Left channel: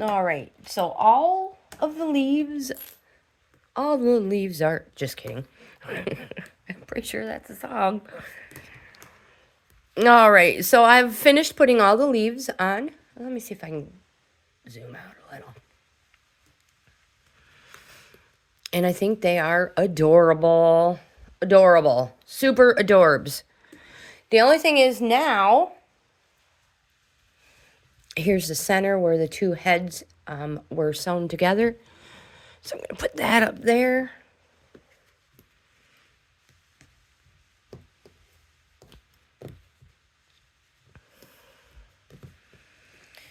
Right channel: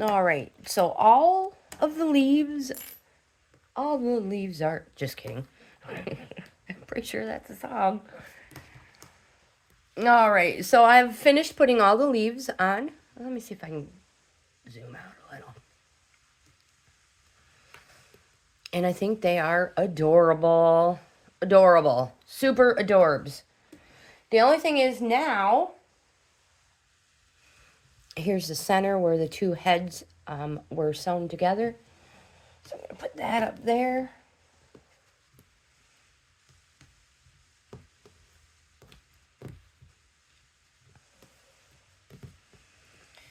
All right, so all the leaves are, just kidding. I'm pretty sure that's a song. All right, so I've finished putting all the leaves on. Let me see if I can zoom out a little. And I think they are adorable. Adorable. Super adorbs. The only thing is now, here's the center where the two heads were sewn together. So I'm going to put that up there.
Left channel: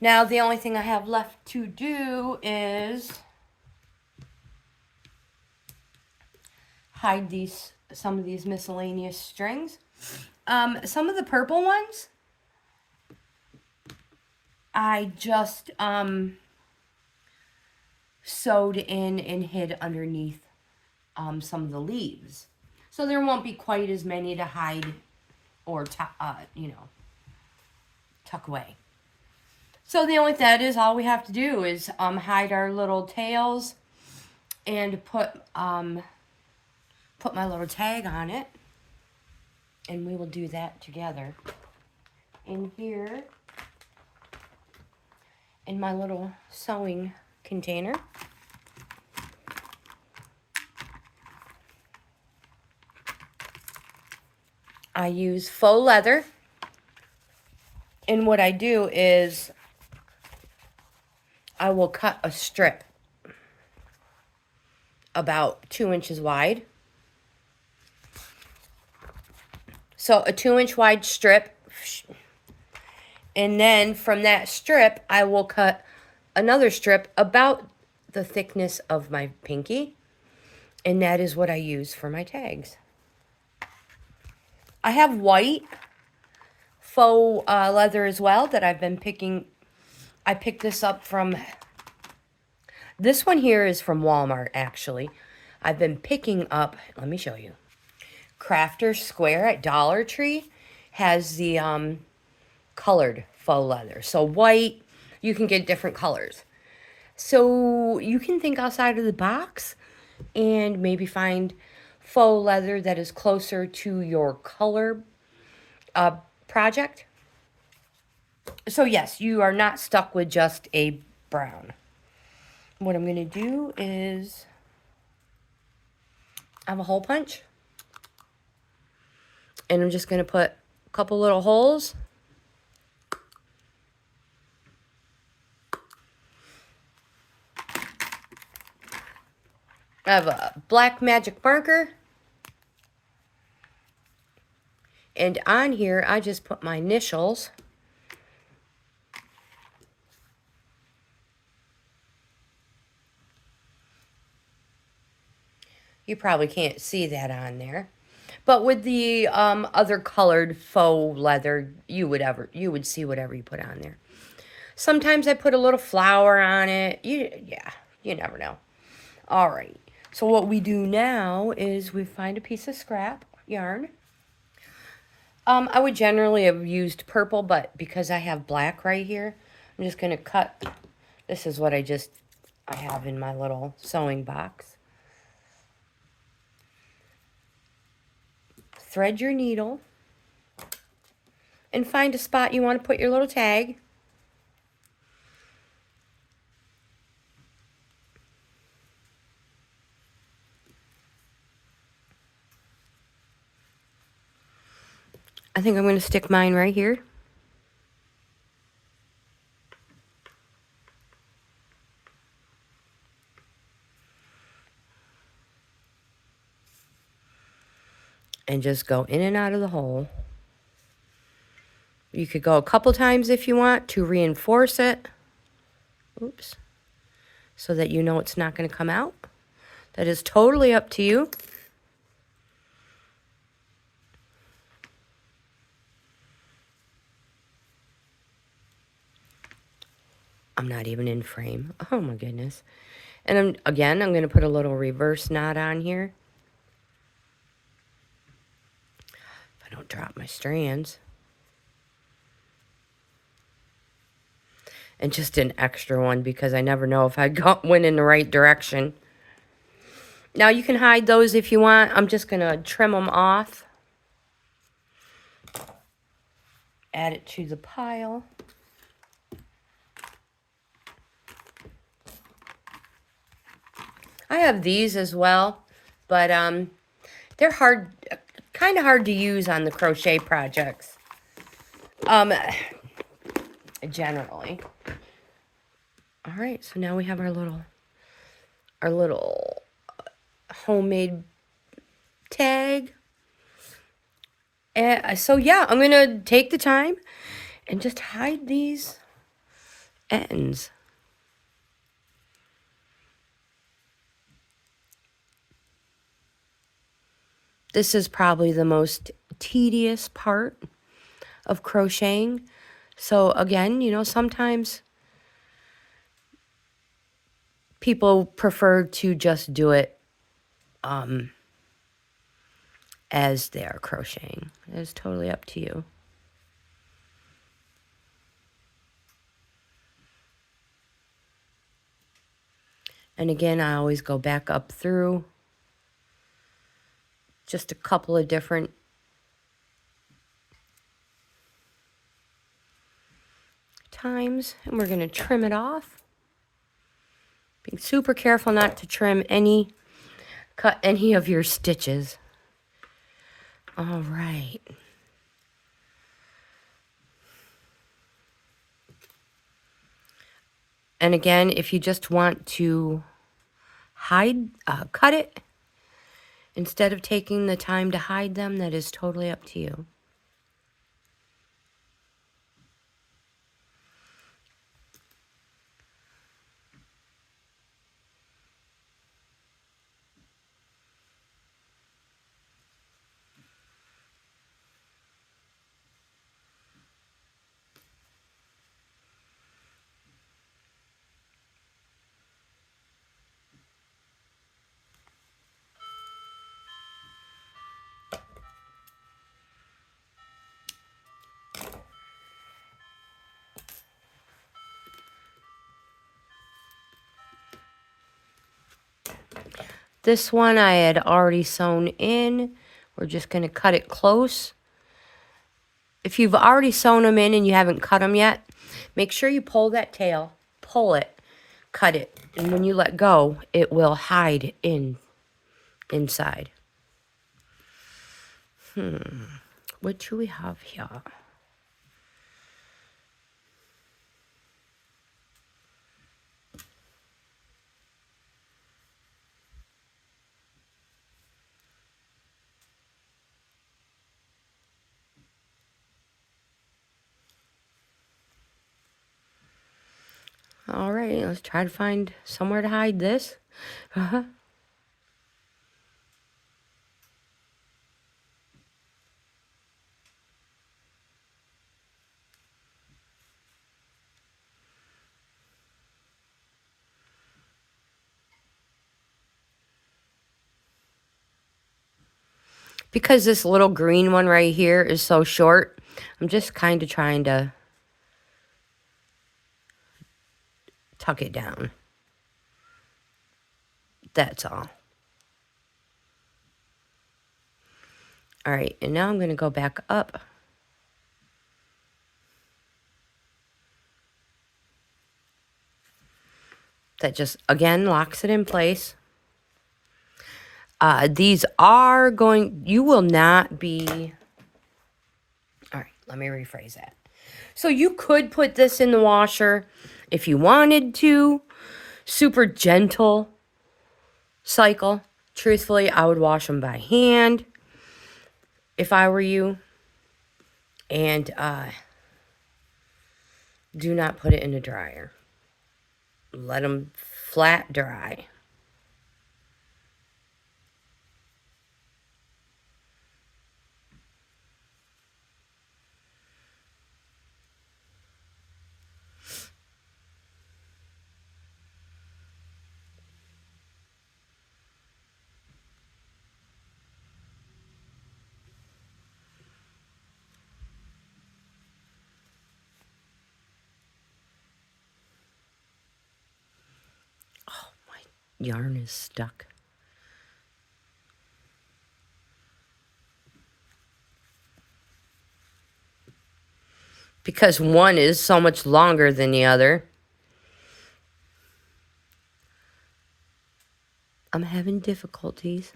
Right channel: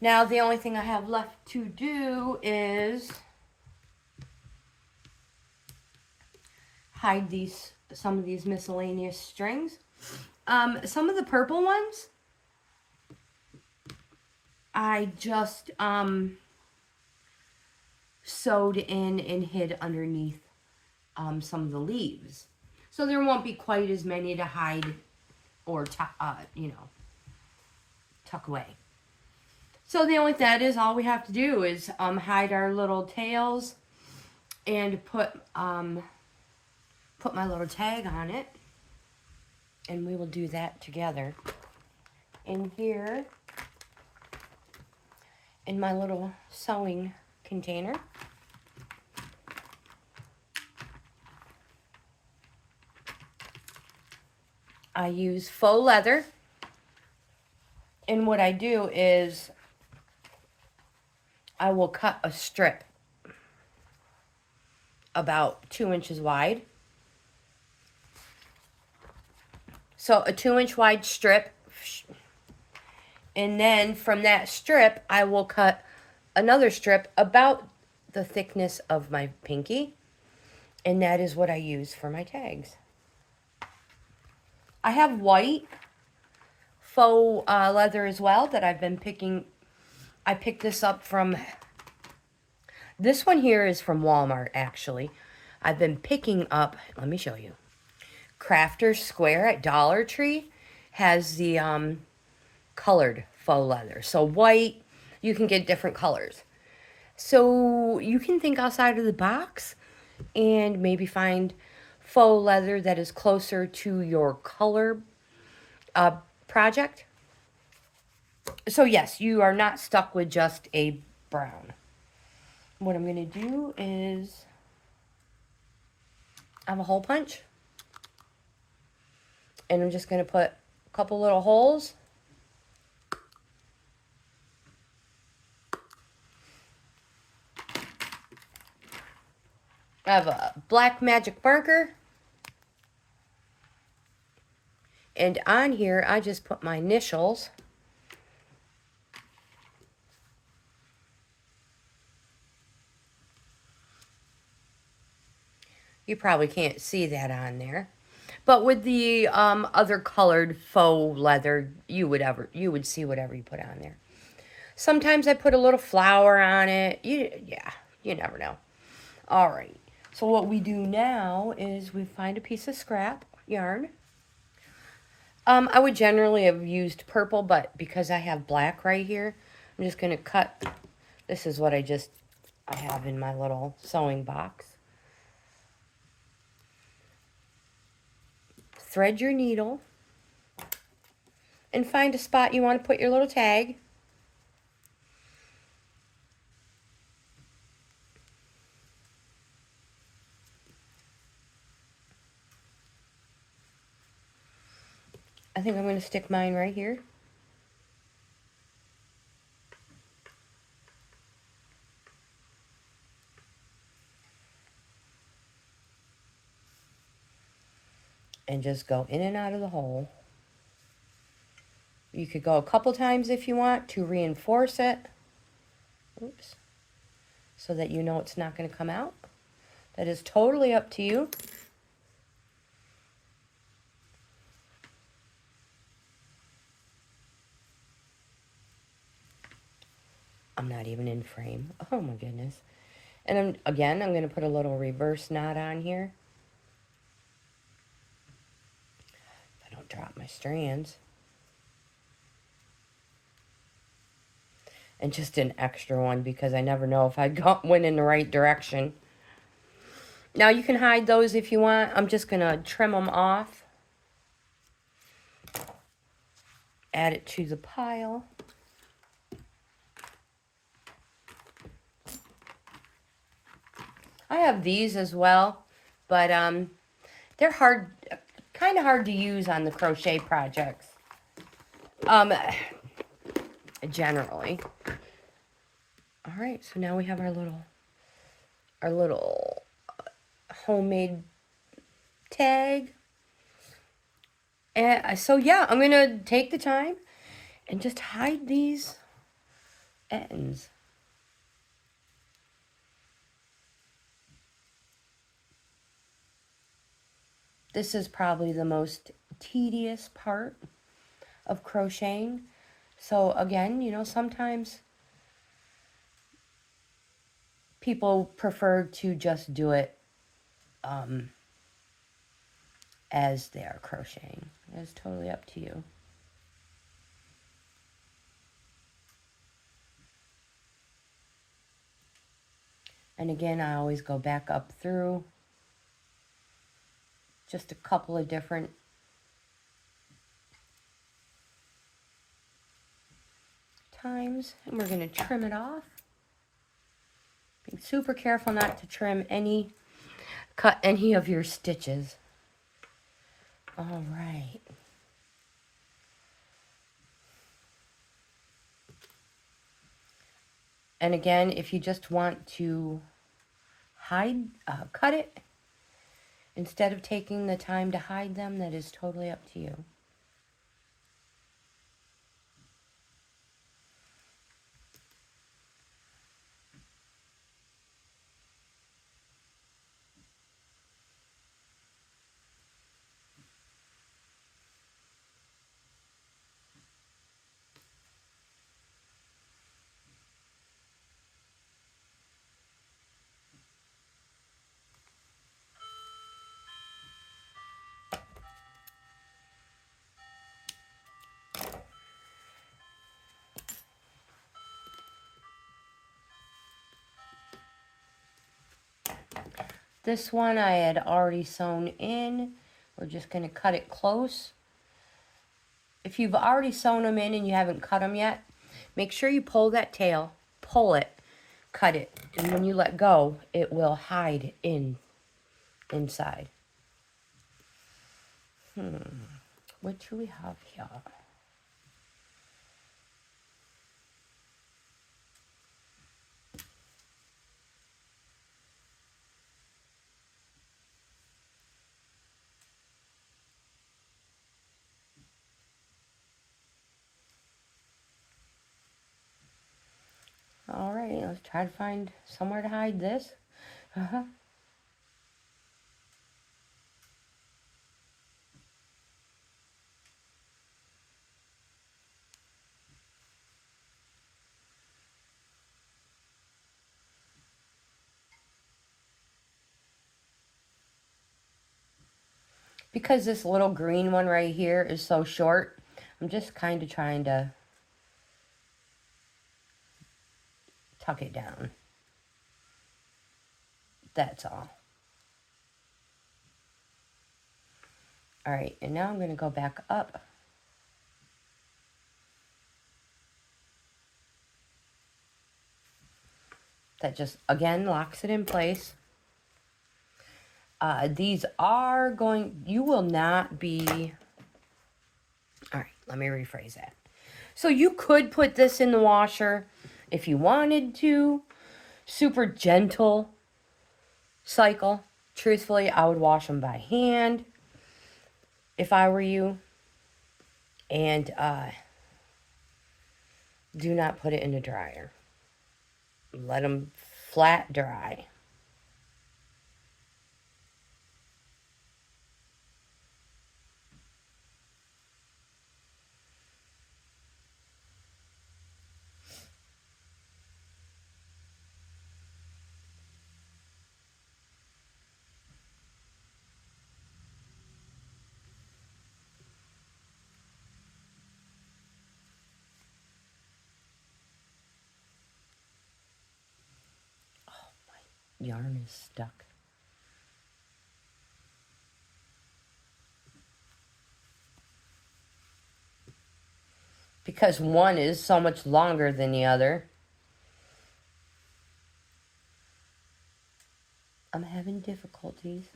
Now the only thing I have left to do is hide some of these miscellaneous strings. Some of the purple ones, I just sewed in and hid underneath some of the leaves. So there won't be quite as many to hide or, tuck away. So that is all we have to do is hide our little tails and put my little tag on it. And we will do that together. In here, in my little sewing container, I use faux leather. And what I do is I will cut a strip about 2 inches wide. So a 2-inch wide strip. And then from that strip, I will cut another strip about the thickness of my pinky. And that is what I use for my tags. I have white faux leather as well that I've been picking. I picked this up from, this one here is from Walmart actually. I've been picking up, let me show you. Crafter's Square at Dollar Tree has the colored faux leather. So white, you can get different colors. So you can think outside of the box and maybe find faux leather that is closer to your color project. So yes, you are not stuck with just a brown. What I'm going to do is I have a hole punch. And I'm just going to put a couple little holes. I have a black magic marker. And on here, I just put my initials. You probably can't see that on there. But with the other colored faux leather, you would see whatever you put on there. Sometimes I put a little flower on it. You never know. All right. So what we do now is we find a piece of scrap yarn. I would generally have used purple, but because I have black right here, I'm just going to cut. This is what I have in my little sewing box. Thread your needle and find a spot you want to put your little tag. I think I'm going to stick mine right here. And just go in and out of the hole. You could go a couple times if you want to reinforce it. Oops. So that you know it's not going to come out. That is totally up to you. I'm not even in frame. Oh my goodness. And I'm going to put a little reverse knot on here. If I don't drop my strands. and just an extra one because I never know if I went in the right direction. Now you can hide those if you want. I'm just going to trim them off. Add it to the pile. I have these as well, but they're kind of hard to use on the crochet projects. Generally. All right, so now we have our little homemade tag. So yeah, I'm gonna take the time and just hide these ends. This is probably the most tedious part of crocheting. So again, you know, sometimes people prefer to just do it as they are crocheting. It's totally up to you. And again, I always go back up through just a couple of different times, and we're going to trim it off. Being super careful not to cut any of your stitches. All right. And again, if you just want to cut it, instead of taking the time to hide them, that is totally up to you. This one I had already sewn in. We're just going to cut it close. If you've already sewn them in and you haven't cut them yet, make sure you pull that tail, pull it, cut it, and when you let go, it will hide inside. What do we have here? All right, let's try to find somewhere to hide this. Because this little green one right here is so short, I'm just kind of trying to tuck it down. That's all. All right, and now I'm going to go back up. That just, again, locks it in place. These are going, you will not be, all right, let me rephrase that. So you could put this in the washer if you wanted to. Super gentle cycle. Truthfully, I would wash them by hand if I were you. And do not put it in the dryer. Let them flat dry. yarn is stuck. Because one is so much longer than the other. I'm having difficulties.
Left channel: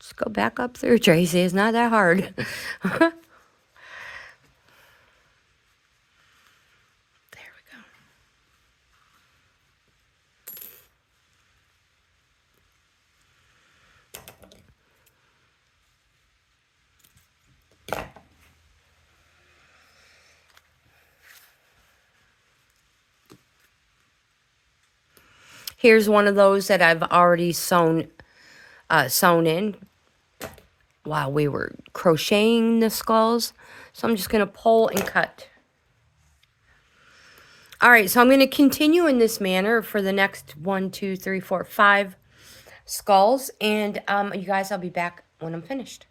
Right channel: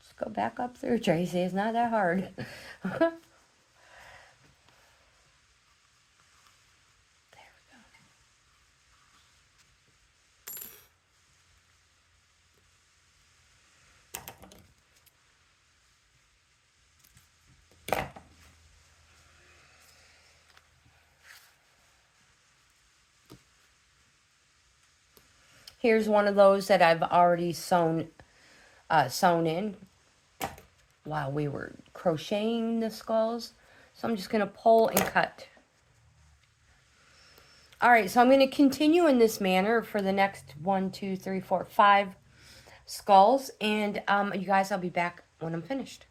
Just go back up through, Tracy. It's not that hard. There we go. Here's one of those that I've already sewn in while we were crocheting the skulls. So I'm just going to pull and cut. All right, so I'm going to continue in this manner for the next 1, 2, 3, 4, 5 skulls. And you guys, I'll be back when I'm finished.